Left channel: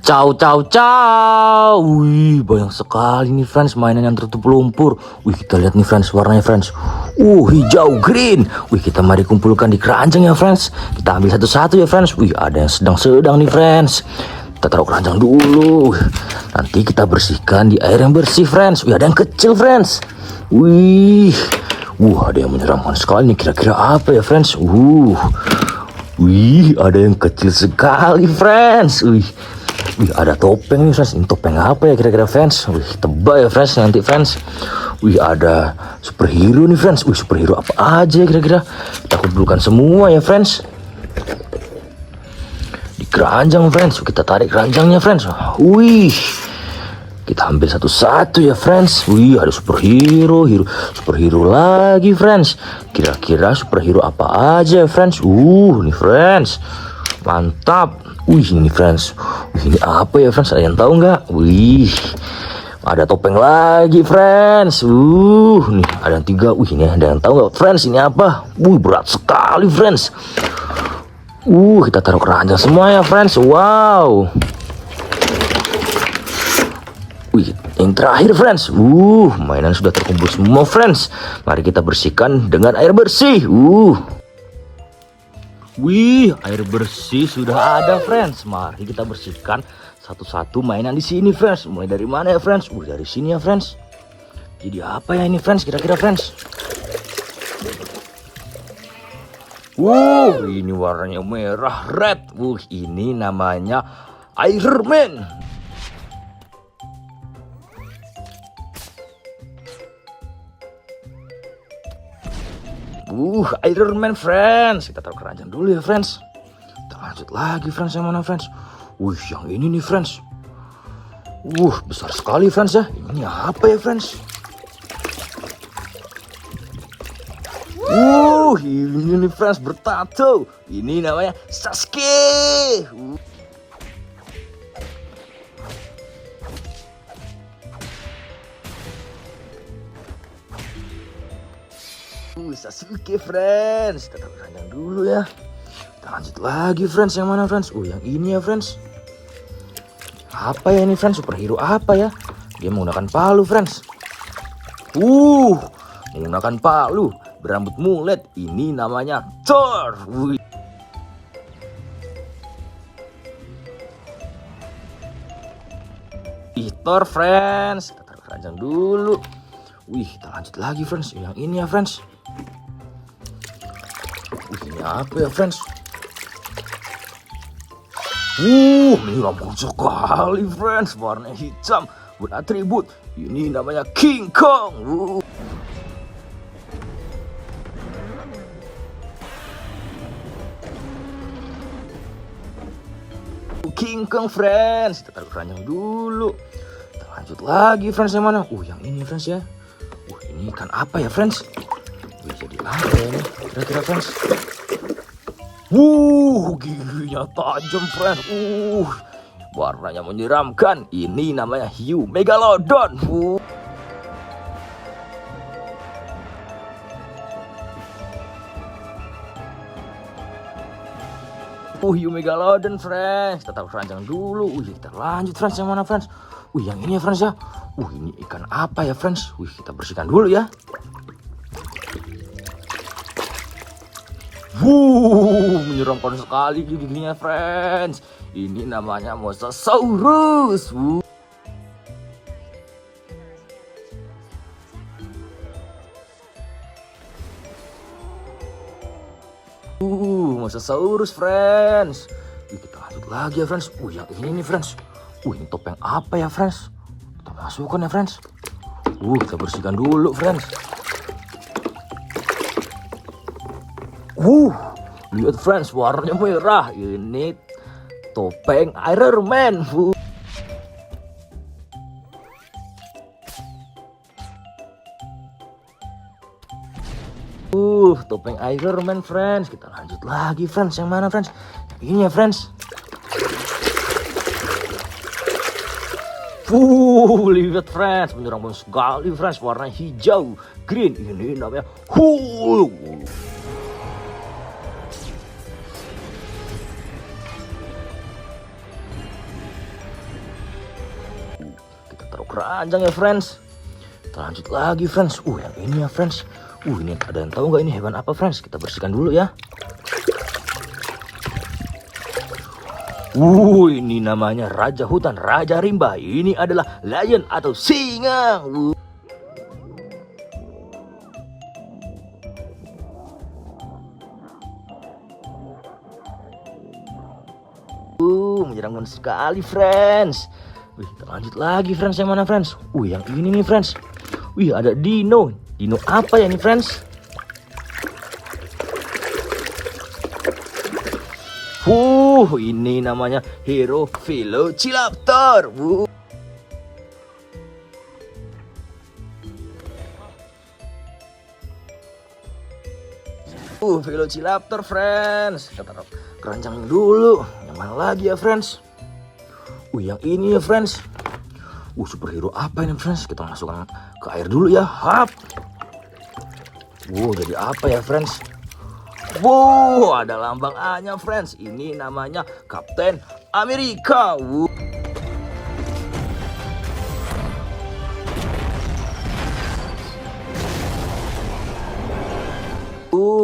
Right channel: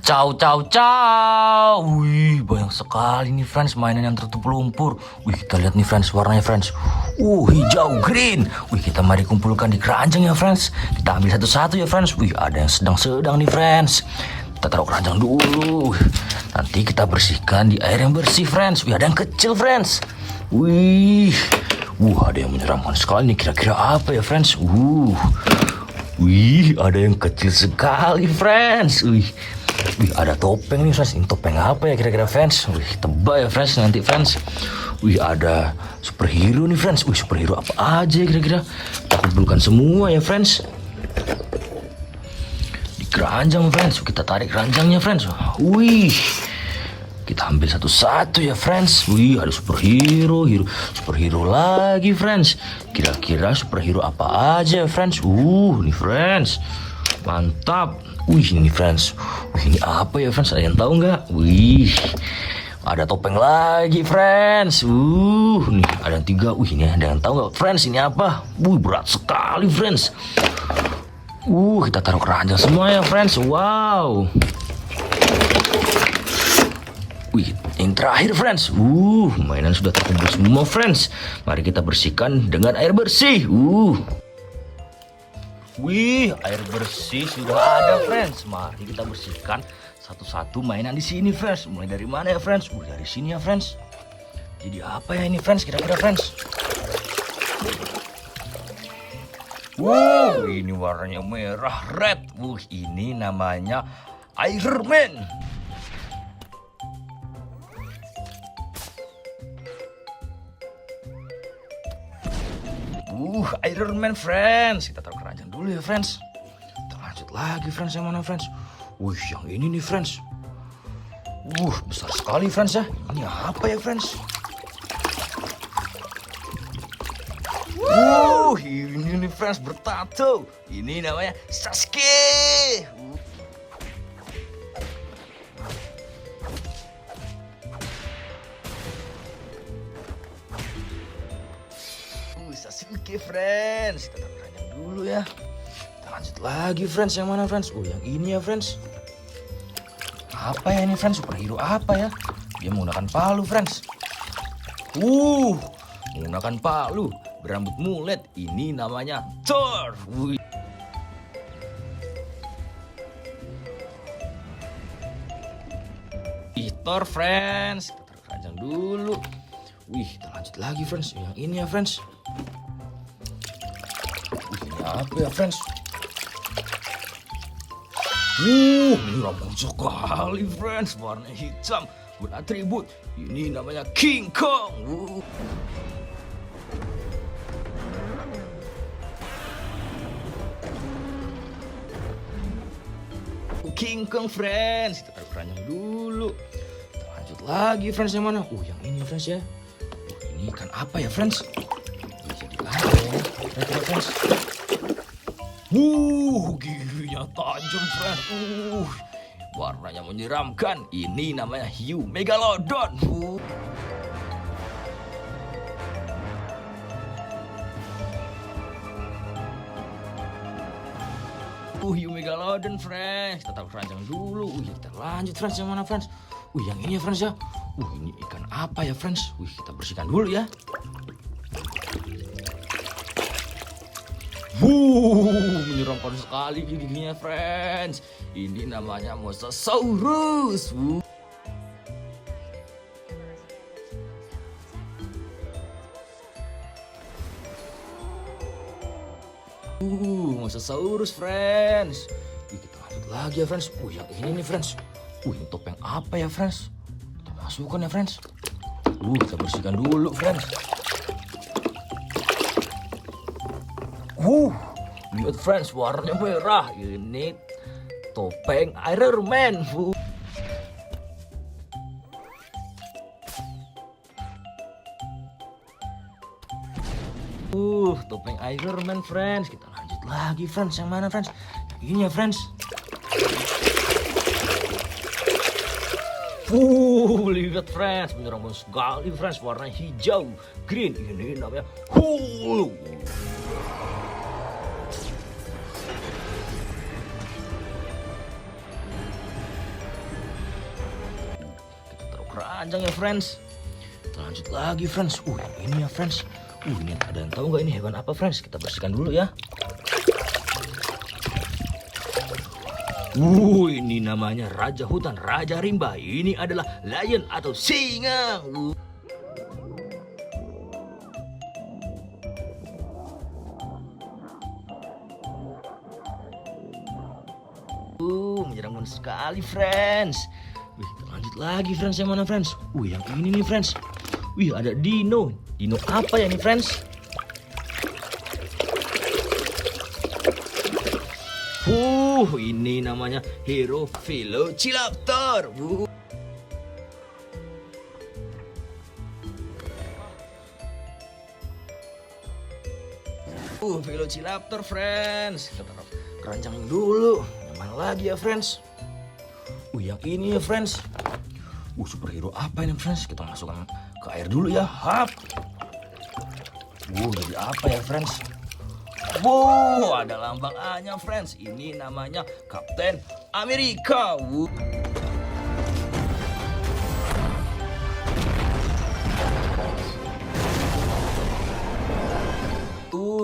Ciao, ciao, ciao. Wih, banyak sekali nih friends mainan yang tertutup lumpur. Wih, kita lihat nih friends warnanya friends. Hijau, green. Wih, kita mari kumpulkan di keranjang ya friends. Kita ambil satu-satu ya friends. Wih, ada yang sedang-sedang nih friends. Kita taruh keranjang dulu. Nanti kita bersihkan di air yang bersih friends. Wih, ada yang kecil friends. Wih, ada yang menyeramkan sekali nih. Kira-kira apa ya friends? Wih, ada yang kecil sekali friends. Wih, ada topeng nih friends. Ini topeng apa ya kira-kira friends? Wih, tebak ya friends nanti friends. Wih, ada superhero nih friends. Wih, superhero apa aja ya kira-kira? Kita kumpulkan semua ya friends. Di keranjang friends. Kita tarik keranjangnya friends. Wih, kita ambil satu-satu ya friends. Wih, ada superhero, superhero lagi friends. Kira-kira superhero apa aja ya friends? Nih friends. Mantap. Wih, ini friends. Wih, ini apa ya friends? Ada yang tahu nggak? Wih, ada topeng lagi friends. Nih ada yang 3. Wih, ini ada yang tahu nggak friends? Ini apa? Wih, berat sekali friends. Kita taruh keranjang semua ya friends. Wow. Wih, yang terakhir friends. Mainan sudah terkumpul semua friends. Mari kita bersihkan dengan air bersih. Wih, air bersih sudah ada friends. Mari kita bersihkan satu-satu mainan di sini friends. Mulai dari mana ya friends? Dari sini ya friends. Jadi apa ya ini friends? Kira-kira friends. Ini warnanya merah red. Ini namanya Iron Man. Iron Man friends. Kita taruh keranjang dulu ya friends. Kita lanjut lagi friends. Yang mana friends? Yang ini nih friends. Besar sekali friends ya. Ini apa ya friends? Ini nih friends bertato. Ini namanya Sasuke. Sasuke friends. Kita taruh keranjang dulu ya. Kita lanjut lagi friends. Yang mana friends? Yang ini ya friends. Apa ya ini friends? Superhero apa ya? Dia menggunakan palu friends. Menggunakan palu, berambut mulet. Ini namanya Thor. Thor friends. Kita taruh keranjang dulu. Kita lanjut lagi friends. Yang ini ya friends. Ini apa ya friends? Ini rambut sekali friends. Warna hitam, beratribut. Ini namanya King Kong. King Kong friends. Kita taruh keranjang dulu. Kita lanjut lagi friends. Yang mana? Yang ini friends ya. Ini ikan apa ya friends? Kira-kira friends. Giginya tajam friends. Warnanya menyeramkan. Ini namanya hiu megalodon. Hiu megalodon friends. Kita taruh keranjang dulu. Kita lanjut friends. Yang mana friends? Yang ini ya friends ya. Ini ikan apa ya friends? Kita bersihkan dulu ya. Menyeramkan sekali giginya friends. Ini namanya Mosasaurus. Mosasaurus friends. Kita lanjut lagi ya friends. Yang ini nih friends. Ini topeng apa ya friends? Kita masukkan ya friends. Kita bersihkan dulu friends. Lihat friends, warnanya merah. Ini topeng Iron Man. Topeng Iron Man friends. Kita lanjut lagi friends. Yang mana friends? Ini ya friends. Lihat friends, menyeramkan sekali friends. Warna hijau, green. Ini namanya Hulk. keranjang ya friends. Kita lanjut lagi friends. Yang ini ya friends. Ini ada yang tahu nggak ini hewan apa friends? Kita bersihkan dulu ya. Ini namanya raja hutan, raja rimba. Ini adalah lion atau singa. Menyeramkan sekali friends. Kita lanjut lagi friends, yang mana friends? Yang ini nih friends. Ada dino. Dino apa ya nih friends? Ini namanya Hero Velociraptor. Velociraptor friends. Kita taruh keranjang dulu. Yang mana lagi ya friends? Yang ini ya friends. Superhero apa ini friends? Kita masukkan ke air dulu ya. Hap. Jadi apa ya friends? Ada lambang A-nya friends. Ini namanya Kapten Amerika.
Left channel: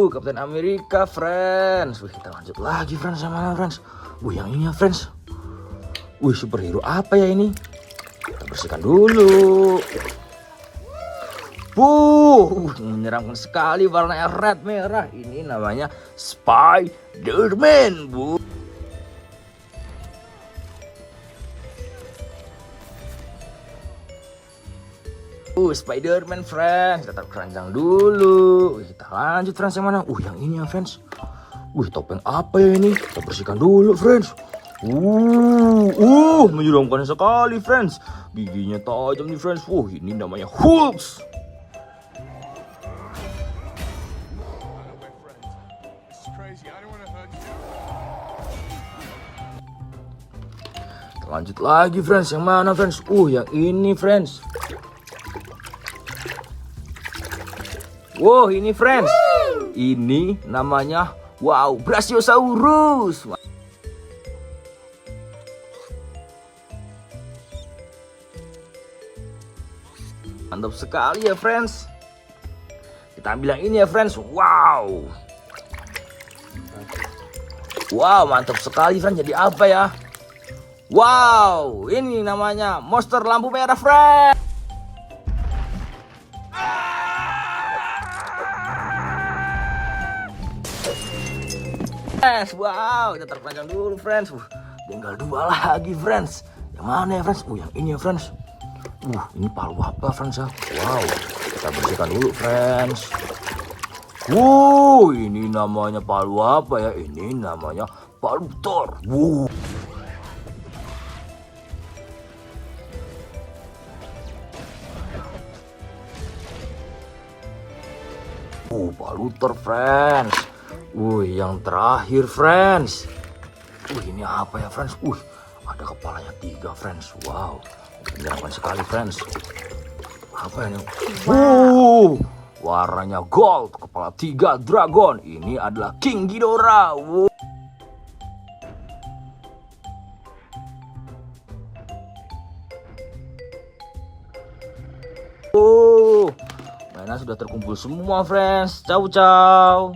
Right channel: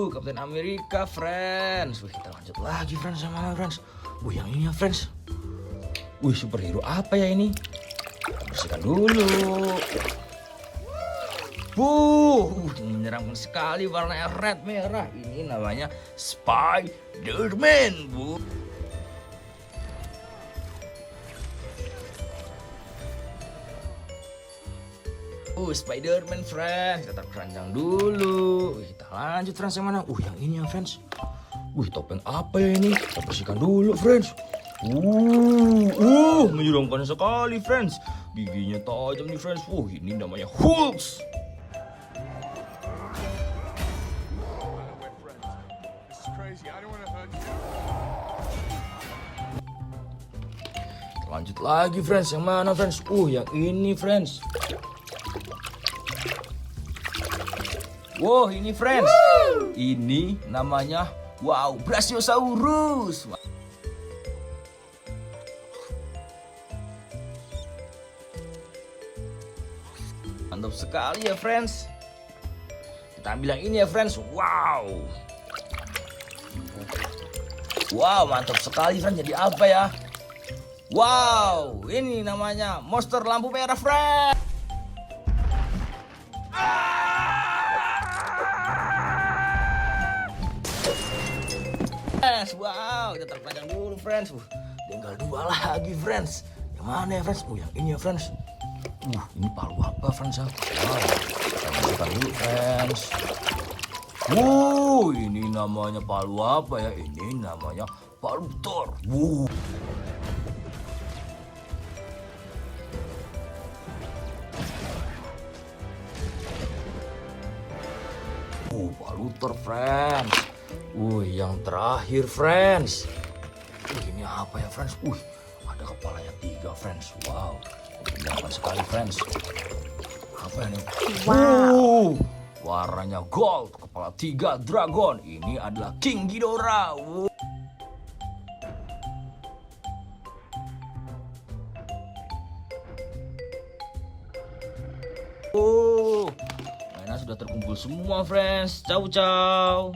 Kapten Amerika friends. Kita lanjut lagi friends, sama friends. Yang ini ya friends. Superhero apa ya ini? Kita bersihkan dulu. Menyeramkan sekali, warnanya red merah. Ini namanya Spider-Man, Spider-Man friends. Kita taruh keranjang dulu. Kita lanjut friends, yang mana? Yang ini ya friends. Topeng apa ya ini? Kita bersihkan dulu friends. Menyeramkan sekali friends. Giginya tajam nih friends. Ini namanya Hulk. Lanjut lagi friends, yang mana friends? Yang ini friends. Ini friends. Ini namanya Brachiosaurus. Mantap sekali ya friends. Kita ambil yang ini ya friends. Mantap sekali friends. Jadi apa ya? Ini namanya monster lampu merah friends. Kita terpanjang dulu friends. Tinggal 2 lagi friends. Yang mana ya friends? Yang ini ya friends. Ini palu apa friends ya? Kita bersihkan dulu friends. Ini namanya palu apa ya? Ini namanya palu Thor. Palu Thor friends. Yang terakhir friends. Ini apa ya friends? Ada kepalanya 3 friends. Menyenangkan sekali friends. Apa ini? Warnanya gold, kepala 3 dragon. Ini adalah King Ghidorah. Mainan sudah terkumpul semua friends. Ciao ciao.